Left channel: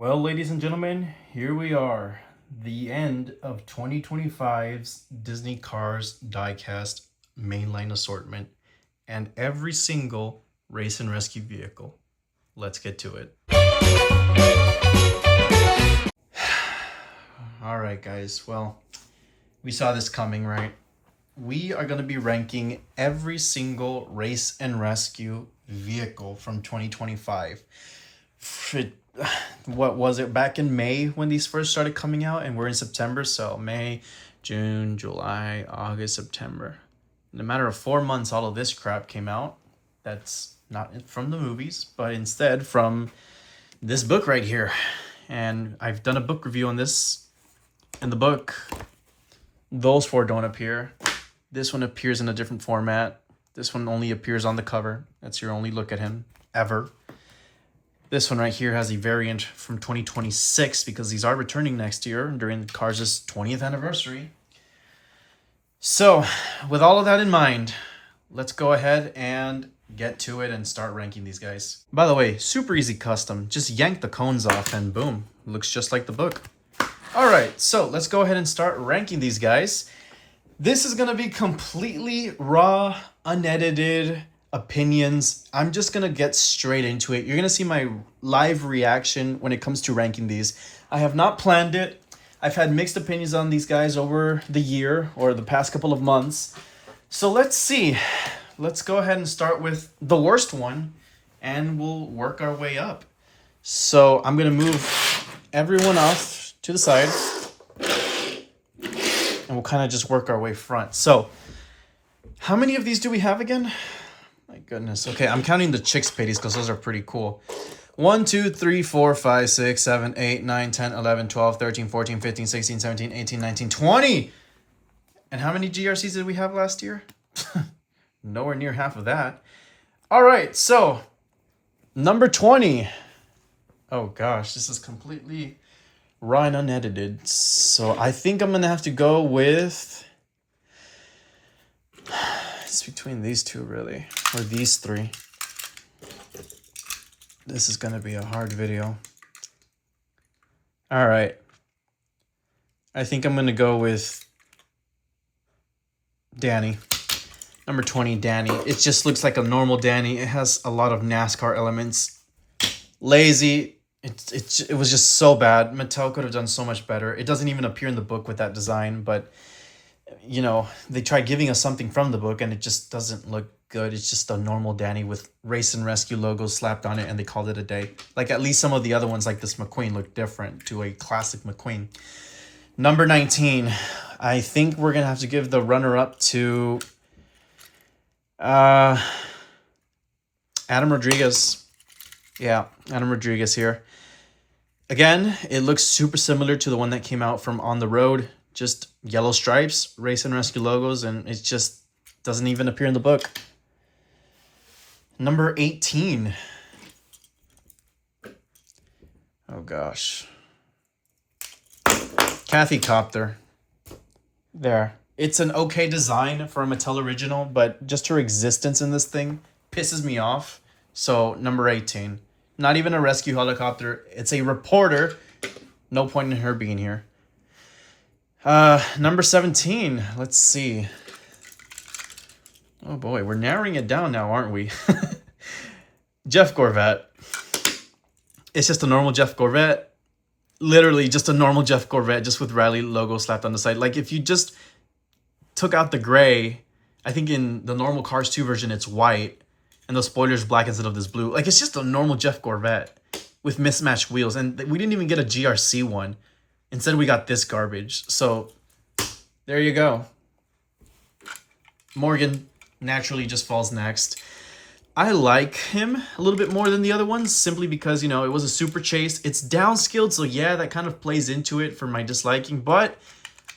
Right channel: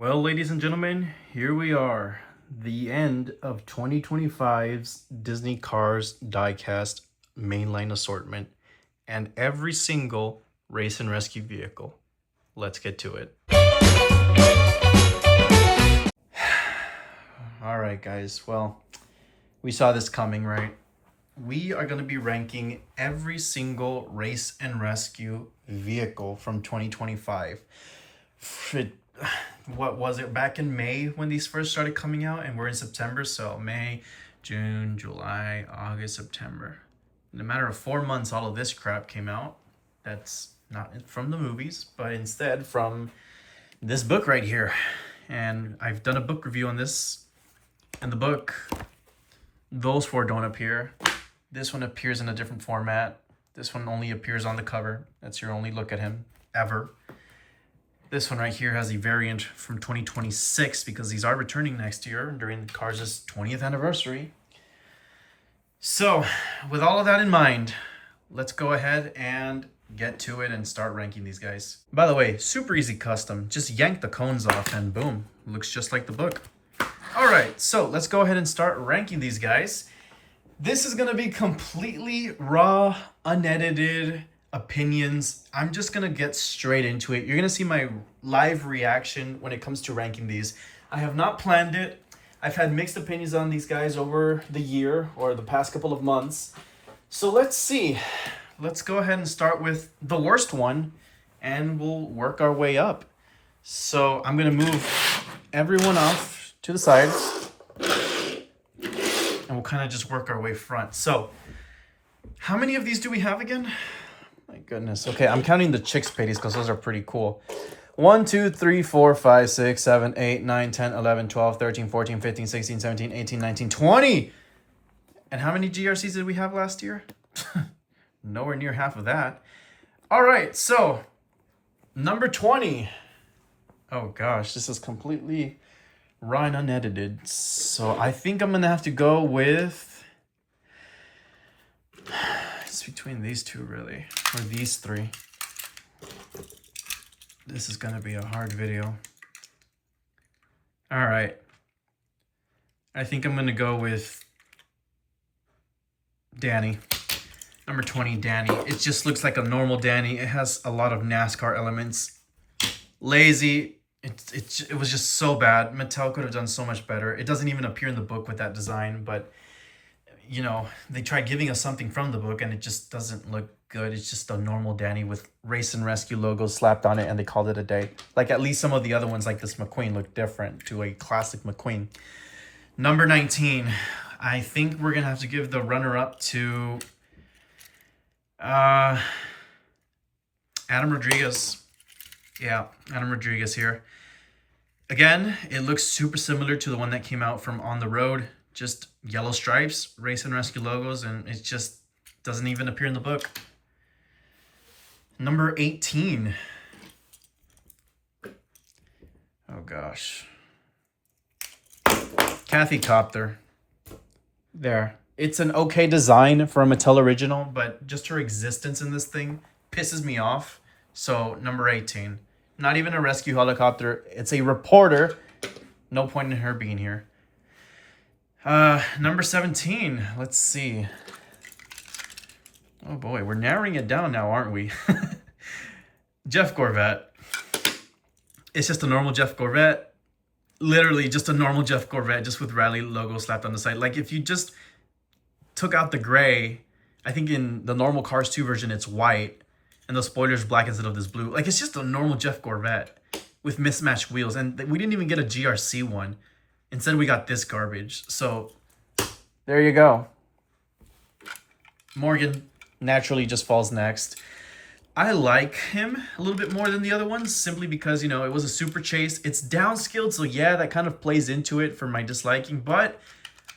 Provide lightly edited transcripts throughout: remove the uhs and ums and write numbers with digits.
Well, ladies and gentlemen, here we are, the end of 2025's Disney Cars Diecast mainline assortment and every single race and rescue vehicle. Let's get to it. All right, guys. Well, we saw this coming, right? We are going to be ranking every single race and rescue vehicle from 2025. What was it, back in May when these first started coming out, and we're in September, so May, June, July, August, September. In a matter of 4 months, all of this crap came out. That's not from the movies, but instead from this book right here. And I've done a book review on this. In the book, those four don't appear. This one appears in a different format. This one only appears on the cover. That's your only look at him ever. This one right here has a variant from 2026 because these are returning next year during Cars' 20th anniversary. So, with all of that in mind, let's go ahead and get to it and start ranking these guys. By the way, super easy custom. Just yank the cones off and boom, looks just like the book. All right, so let's go ahead and start ranking these guys. This is gonna be completely raw, unedited opinions. I'm just gonna get straight into it. You're gonna see my live reaction when it comes to ranking these. I have not planned it. I've had mixed opinions on these guys over the year or the past couple of months. So let's see. Let's go ahead and start with the worst one and we'll work our way up. So I'm gonna move everyone off to the side and we'll kind of just work our way front. So how many of these do we have again? My goodness. Okay, I'm counting the chicks patties because those are pretty cool. 1, 2, 3, 4, 5, 6, 7, 8, 9, 10, 11, 12, 13, 14, 15, 16, 17, 18, 19, 20. And how many GRCs did we have last year? Nowhere near half of that. All right, so number 20. Oh gosh, this is completely raw and unedited. So I think I'm going to have to go with... It's between these two, really, or these three. This is going to be a hard video. All right. I think I'm going to go with Danny. Number 20, Danny. It just looks like a normal Danny. It has a lot of NASCAR elements. Lazy. It was just so bad. Mattel could have done so much better. It doesn't even appear in the book with that design, but... you know, they tried giving us something from the book and it just doesn't look good. It's just a normal Danny with race and rescue logos slapped on it and they called it a day. Like at least some of the other ones like this McQueen look different to a classic McQueen. Number 19. I think we're going to have to give the runner-up to Adam Rodriguez. Yeah, Adam Rodriguez here. Again, it looks super similar to the one that came out from On the Road. Just yellow stripes, race and rescue logos, and it just doesn't even appear in the book. Number 18. Oh gosh. Kathy Copter. There. It's an okay design for a Mattel original, but just her existence in this thing pisses me off. So number 18. Not even a rescue helicopter. It's a reporter. No point in her being here. Number 17. Let's see. Oh boy, we're narrowing it down now, aren't we? Jeff Gorvette. It's just a normal Jeff Gorvette. Literally just a normal Jeff Gorvette, just with Rally logo slapped on the side. Like if you just took out the gray, I think in the normal Cars 2 version, it's white. And the spoiler's black instead of this blue. Like it's just a normal Jeff Gorvette with mismatched wheels. And we didn't even get a GRC one. Instead, we got this garbage. So, there you go. Morgan naturally just falls next. I like him a little bit more than the other ones simply because, you know, it was a super chase. It's downscaled, so yeah, that kind of plays into it for my disliking. But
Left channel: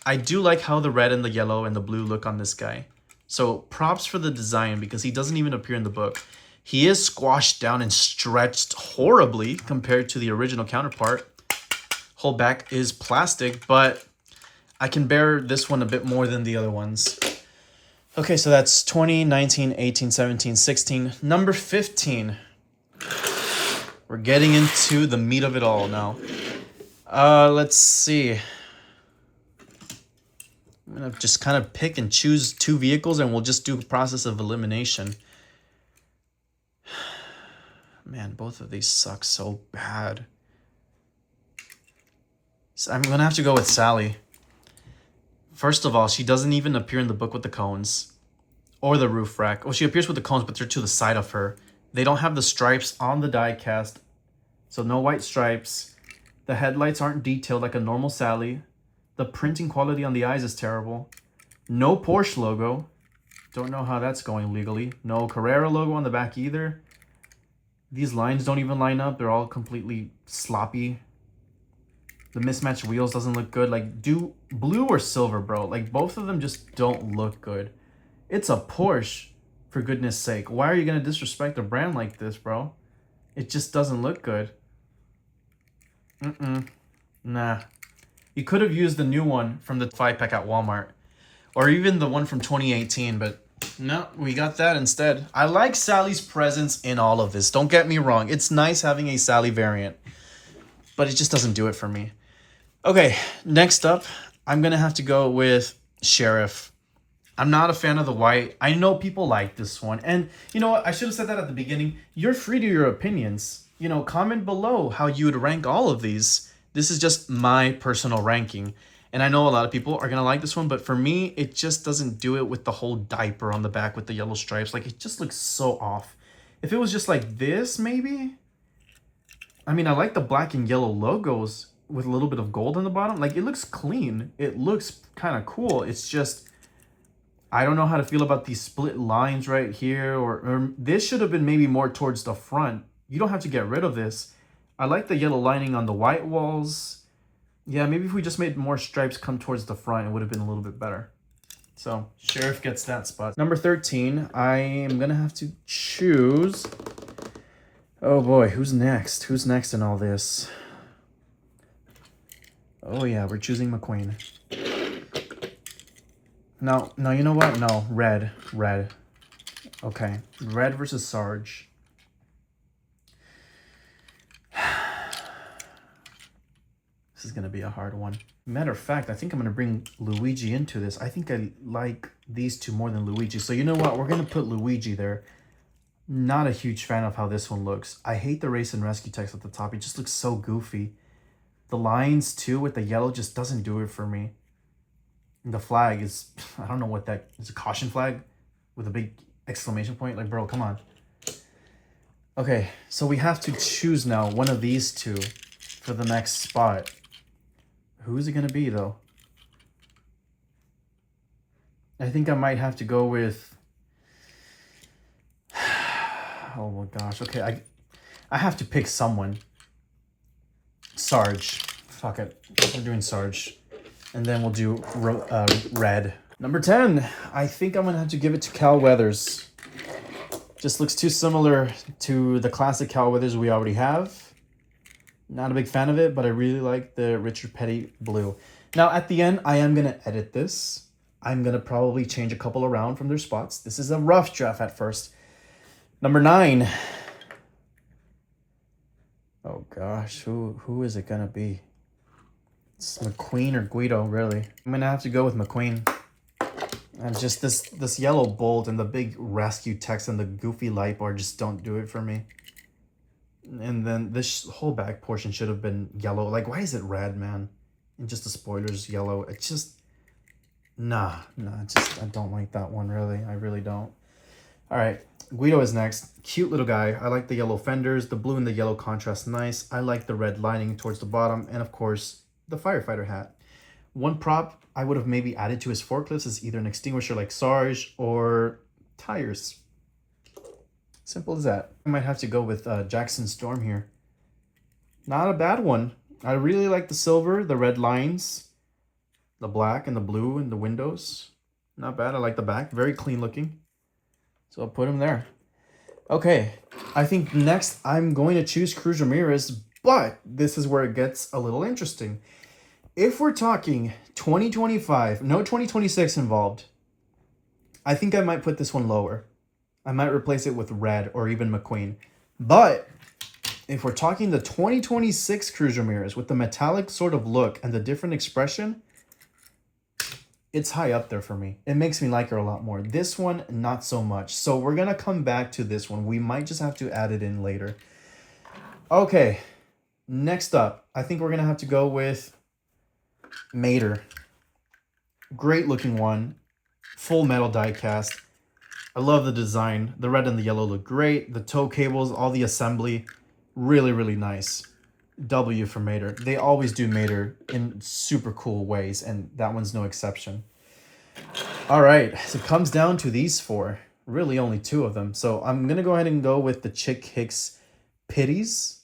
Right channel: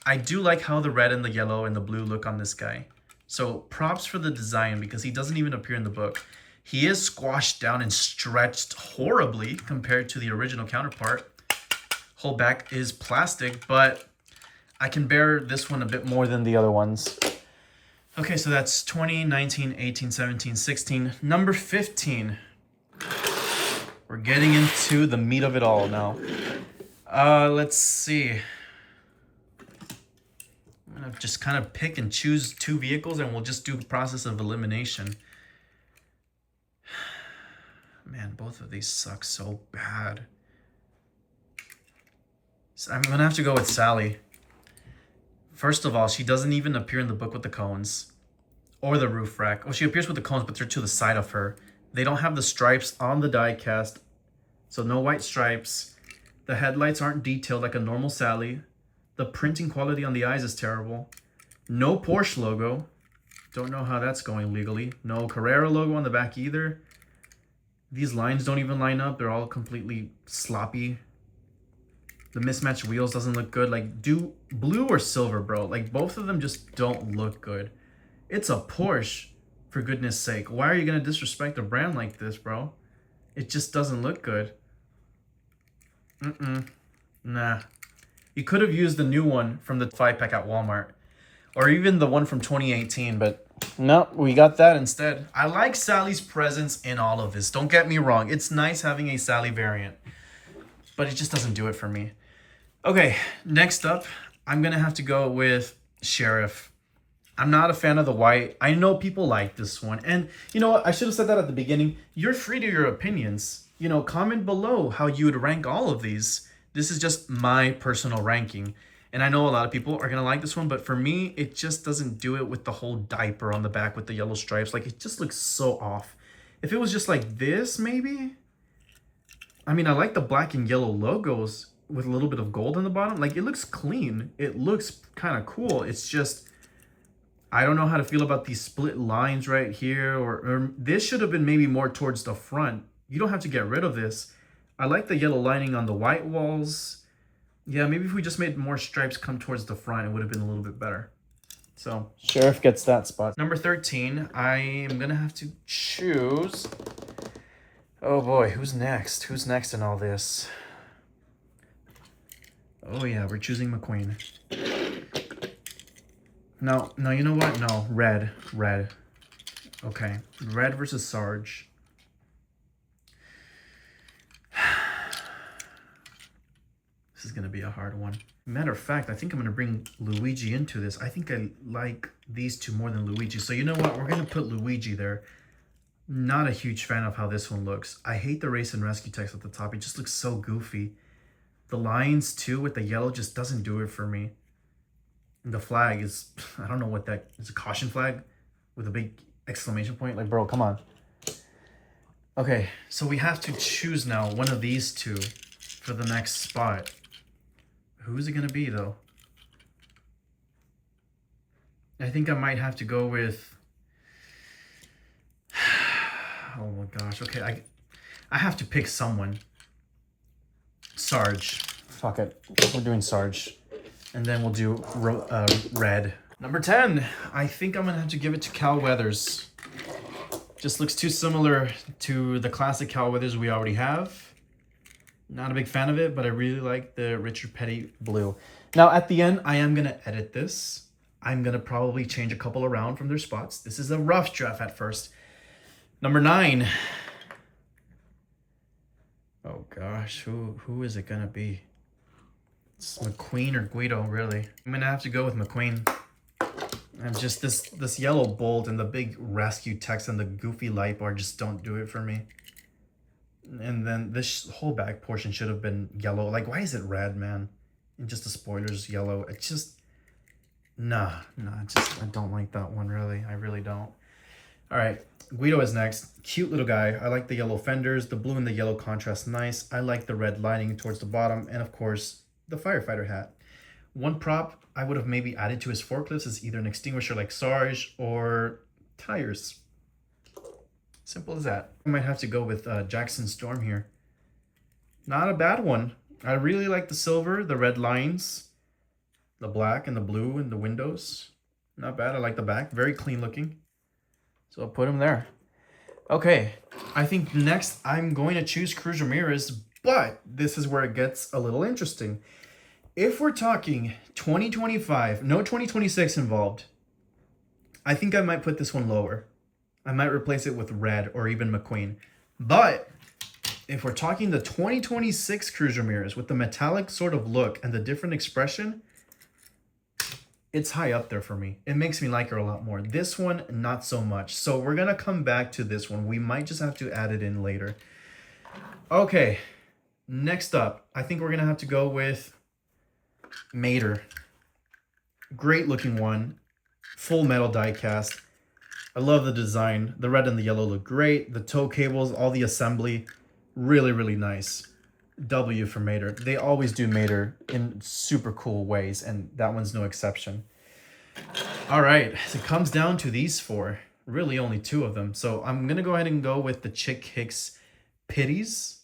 I do like how the red and the yellow and the blue look on this guy. So, props for the design because he doesn't even appear in the book. He is squashed down and stretched horribly compared to the original counterpart. Whole back is plastic, but I can bear this one a bit more than the other ones. Okay, so that's 20, 19, 18, 17, 16. Number 15. We're getting into the meat of it all now. Let's see. I'm gonna just kind of pick and choose 2 vehicles, and we'll just do a process of elimination. Man, both of these suck so bad. So I'm gonna have to go with Sally. First of all, she doesn't even appear in the book with the cones or the roof rack. Well, she appears with the cones, but they're to the side of her. They don't have the stripes on the diecast, so no white stripes. The headlights aren't detailed like a normal Sally. The printing quality on the eyes is terrible. No Porsche logo. Don't know how that's going legally. No Carrera logo on the back either. These lines don't even line up. They're all completely sloppy. The mismatched wheels doesn't look good. Like, do blue or silver, bro. Like, both of them just don't look good. It's a Porsche, for goodness sake. Why are you going to disrespect a brand like this, bro? It just doesn't look good. Nah. You could have used the new one from the 5-pack at Walmart. Or even the one from 2018, but no, we got that instead. I like Sally's presence in all of this. Don't get me wrong. It's nice having a Sally variant, but it just doesn't do it for me. Okay, next up, I'm going to have to go with Sheriff. I'm not a fan of the white. I know people like this one. And you know what? I should have said that at the beginning. You're free to your opinions. You know, comment below how you would rank all of these. This is just my personal ranking. And I know a lot of people are going to like this one, but for me, it just doesn't do it with the whole diaper on the back with the yellow stripes. Like, it just looks so off. If it was just like this, maybe? I mean, I like the black and yellow logos with a little bit of gold on the bottom. Like, it looks clean. It looks kind of cool. It's just, I don't know how to feel about these split lines right here. Or this should have been maybe more towards the front. You don't have to get rid of this. I like the yellow lining on the white walls. Yeah, maybe if we just made more stripes come towards the front, it would have been a little bit better. So, Sheriff gets that spot. Number 13, I am going to have to choose... Oh boy, who's next? Who's next in all this? Oh yeah, we're choosing McQueen. No, you know what? No, red. Okay, red versus Sarge. This is going to be a hard one. Matter of fact, I think I'm going to bring Luigi into this. I think I like these two more than Luigi. So you know what? We're going to put Luigi there. Not a huge fan of how this one looks. I hate the race and rescue text at the top. It just looks so goofy. The lines too with the yellow just doesn't do it for me. And the flag is, I don't know what that is, a caution flag with a big exclamation point. Like, bro, come on. Okay, so we have to choose now one of these two for the next spot. Who's it going to be, though? I think I might have to go with... Oh, my gosh. Okay, I have to pick someone. Sarge. Fuck it. We're doing Sarge. And then we'll do red. Number 10. I think I'm going to have to give it to Cal Weathers. Just looks too similar to the classic Cal Weathers we already have. Not a big fan of it, but I really like the Richard Petty blue. Now, at the end, I am going to edit this. I'm going to probably change a couple around from their spots. This is a rough draft at first. Number 9. Oh, gosh. Who is it going to be? It's McQueen or Guido, really. I'm going to have to go with McQueen. And just this yellow bolt and the big rescue text and the goofy light bar just don't do it for me. And then this whole back portion should have been yellow. Like, why is it red, man? And just the spoilers yellow. It's just... Nah, I don't like that one, really. I really don't. All right, Guido is next. Cute little guy. I like the yellow fenders. The blue and the yellow contrast nice. I like the red lining towards the bottom. And, of course, the firefighter hat. One prop I would have maybe added to his forklifts is either an extinguisher like Sarge or tires. Simple as that. I might have to go with Jackson Storm here. Not a bad one. I really like the silver, the red lines, the black and the blue and the windows. Not bad. I like the back. Very clean looking. So I'll put him there. Okay. I think next I'm going to choose Cruz Ramirez, but this is where it gets a little interesting. If we're talking 2025, no 2026 involved, I think I might put this one lower. I might replace it with red or even McQueen. But if we're talking the 2026 Cruz Ramirez with the metallic sort of look and the different expression, it's high up there for me. It makes me like her a lot more. This one, not so much. So we're going to come back to this one. We might just have to add it in later. Okay, next up, I think we're going to have to go with Mater. Great looking one. Full metal die cast. I love the design. The red and the yellow look great. The tow cables, all the assembly, really, really nice. W for Mater. They always do Mater in super cool ways, and that one's no exception. All right, so it comes down to these four. Really only two of them. So I'm going to go ahead and go with the Chick Hicks Pitties.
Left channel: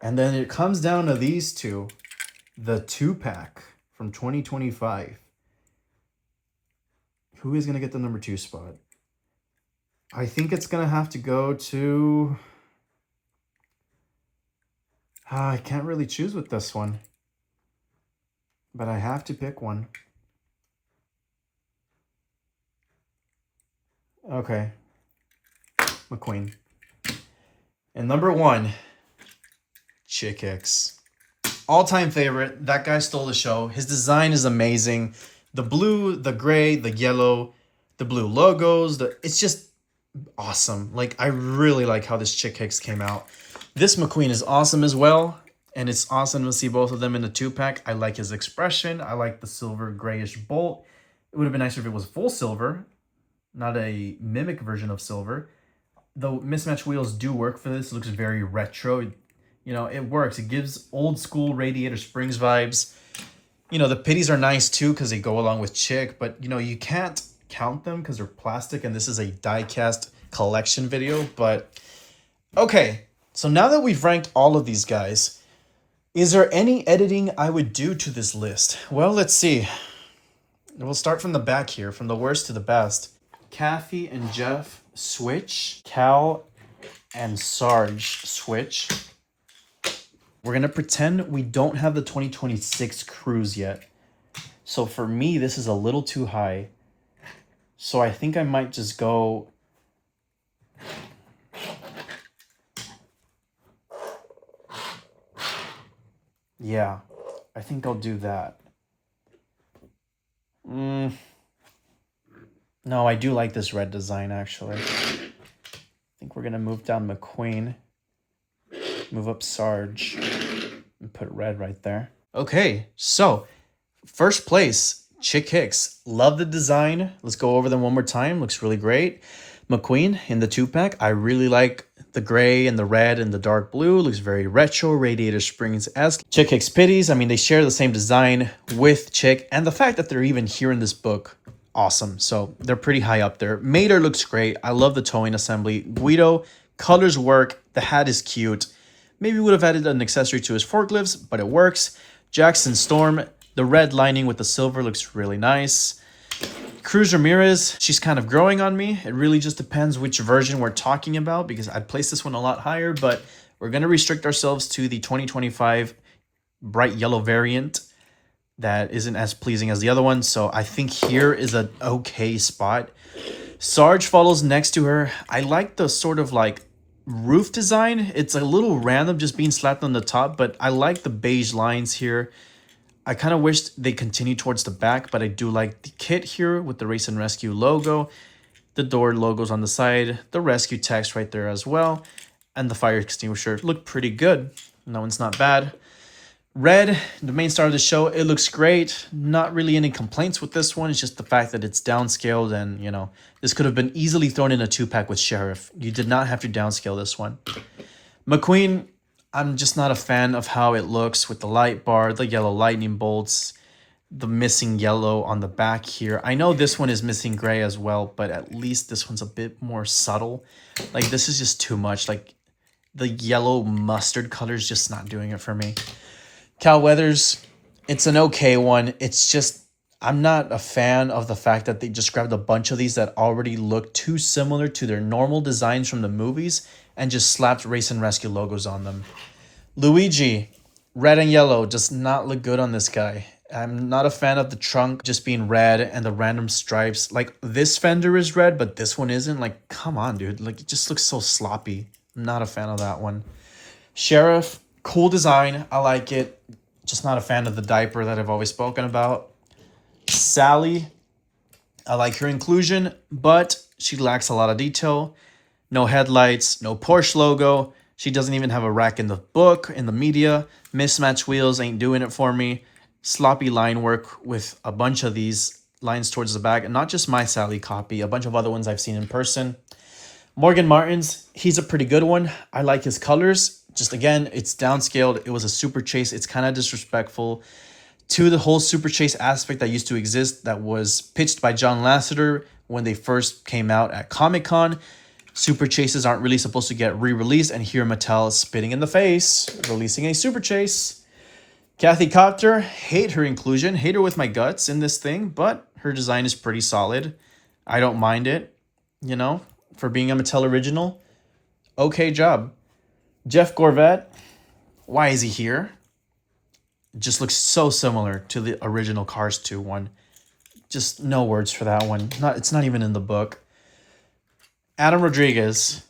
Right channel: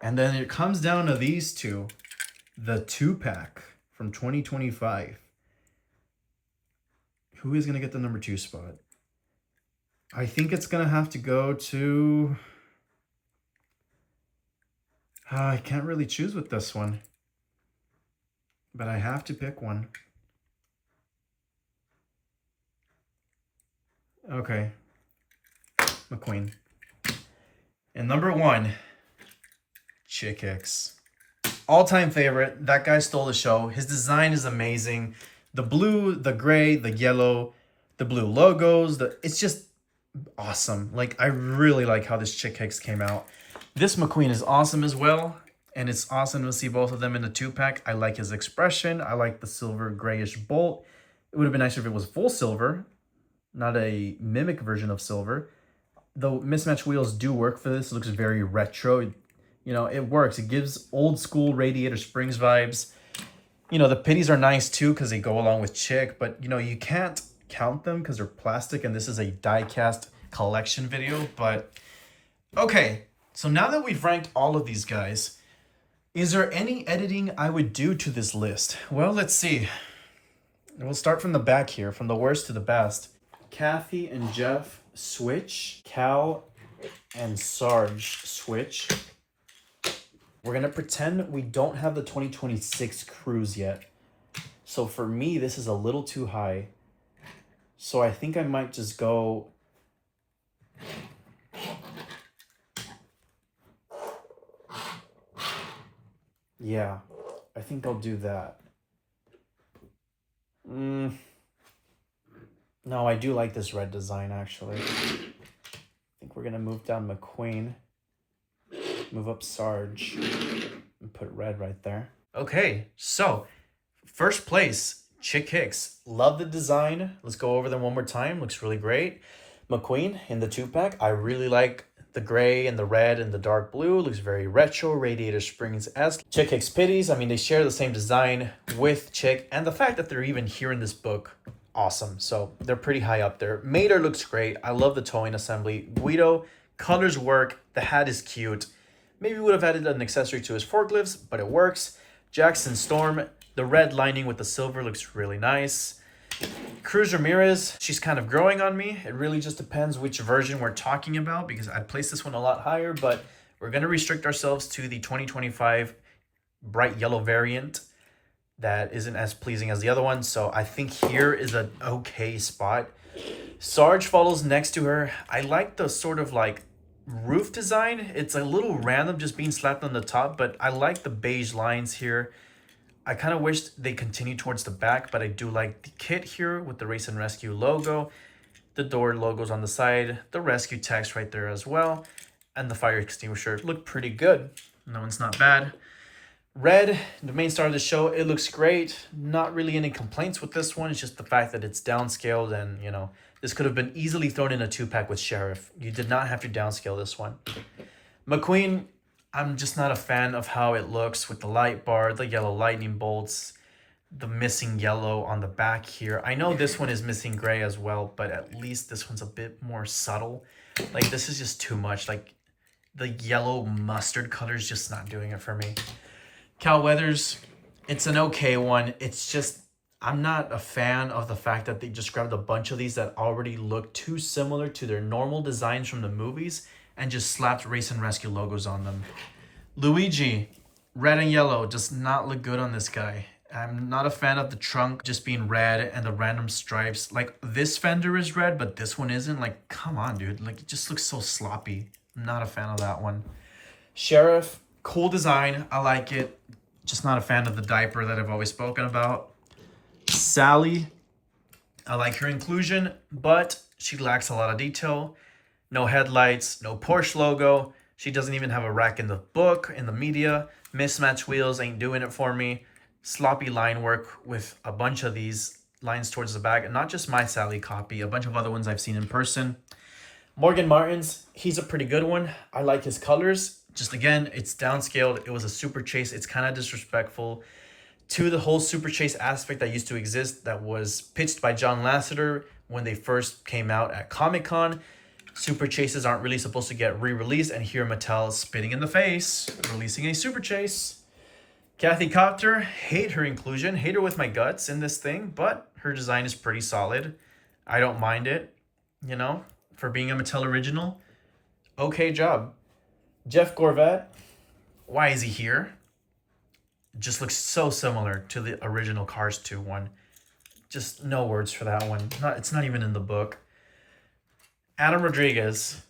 And then it comes down to these two. The 2-pack from 2025. Who is going to get the number 2 spot? I think it's going to have to go to... I can't really choose with this one. But I have to pick one. Okay. McQueen. And number 1, Chick Hicks. All-time favorite. That guy stole the show. His design is amazing. The blue, the gray, the yellow, the blue logos. It's just awesome. Like, I really like how this Chick Hicks came out. This McQueen is awesome as well. And it's awesome to see both of them in the 2-pack. I like his expression. I like the silver grayish bolt. It would have been nicer if it was full silver, not a mimic version of silver. The mismatched wheels do work for this. It looks very retro. You know, it works. It gives old school Radiator Springs vibes. You know, the pitties are nice too because they go along with Chick, but you know, you can't count them because they're plastic and this is a die-cast collection video. But okay, so now that we've ranked all of these guys, is there any editing I would do to this list? Well, let's see. We'll start from the back here, from the worst to the best. Kathy and Jeff switch. Cal and Sarge switch. We're going to pretend we don't have the 2026 Cruise yet. So for me, this is a little too high. So I think I might just go... Yeah, I think I'll do that. No, I do like this red design, actually. I think we're going to move down McQueen. Move up Sarge and put red right there. Okay, so first place, Chick Hicks. Love the design. Let's go over them one more time. Looks really great. McQueen in the 2-pack. I really like the gray and the red and the dark blue. Looks very retro, Radiator Springs-esque. Chick Hicks Pitties. I mean, they share the same design with Chick, and the fact that they're even here in this book, awesome. So they're pretty high up there. Mater looks great. I love the towing assembly. Guido, colors work. The hat is cute. Maybe would have added an accessory to his forklifts, but it works. Jackson Storm, the red lining with the silver looks really nice. Cruz Ramirez, she's kind of growing on me. It really just depends which version we're talking about because I'd place this one a lot higher, but we're going to restrict ourselves to the 2025 bright yellow variant that isn't as pleasing as the other one. So I think here is an okay spot. Sarge follows next to her. I like the sort of like roof design. It's a little random just being slapped on the top, but I like the beige lines here. I kind of wish they continued towards the back, but I do like the kit here with the Race and Rescue logo, the door logos on the side, the rescue text right there as well, and the fire extinguisher look pretty good. No one's not bad. Red, the main star of the show, it looks great. Not really any complaints with this one. It's just the fact that it's downscaled and, you know, this could have been easily thrown in a 2-pack with Sheriff. You did not have to downscale this one. McQueen, I'm just not a fan of how it looks with the light bar, the yellow lightning bolts, the missing yellow on the back here. I know this one is missing gray as well, but at least this one's a bit more subtle. Like, this is just too much. Like, the yellow mustard color is just not doing it for me. Cal Weathers, it's an okay one. It's just, I'm not a fan of the fact that they just grabbed a bunch of these that already look too similar to their normal designs from the movies and just slapped Race and Rescue logos on them. Luigi, red and yellow, does not look good on this guy. I'm not a fan of the trunk just being red and the random stripes. Like, this fender is red, but this one isn't. Like, come on, dude. Like, it just looks so sloppy. Not a fan of that one. Sheriff, cool design. I like it. Just not a fan of the diaper that I've always spoken about. Sally, I like her inclusion, but she lacks a lot of detail. No headlights, no Porsche logo. She doesn't even have a rack in the book, in the media. Mismatched wheels ain't doing it for me. Sloppy line work with a bunch of these lines towards the back. And not just my Sally copy, a bunch of other ones I've seen in person. Morgan Martin's, he's a pretty good one. I like his colors. Just again, it's downscaled. It was a super chase. It's kind of disrespectful to the whole super chase aspect that used to exist that was pitched by John Lasseter when they first came out at Comic-Con. Super chases aren't really supposed to get re-released, and here Mattel is spitting in the face, releasing a super chase. Kathy Copter, hate her inclusion, hate her with my guts in this thing, but her design is pretty solid. I don't mind it, you know, for being a Mattel original. Okay job. Jeff Gorvat, why is he here? It just looks so similar to the original Cars 2 one. Just no words for that one. It's not even in the book. Adam Rodriguez,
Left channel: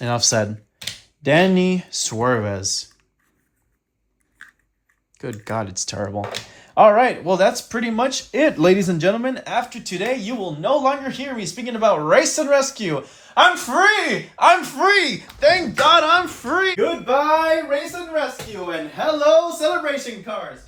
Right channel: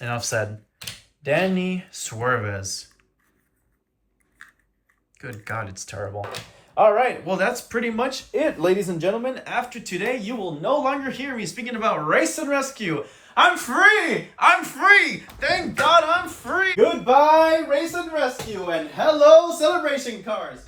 enough said. Danny Suarez. Good God, it's terrible. All right, well, that's pretty much it, ladies and gentlemen. After today, you will no longer hear me speaking about Race and Rescue. I'm free! I'm free! Thank God I'm free! Goodbye, Race and Rescue, and hello, Celebration Cars!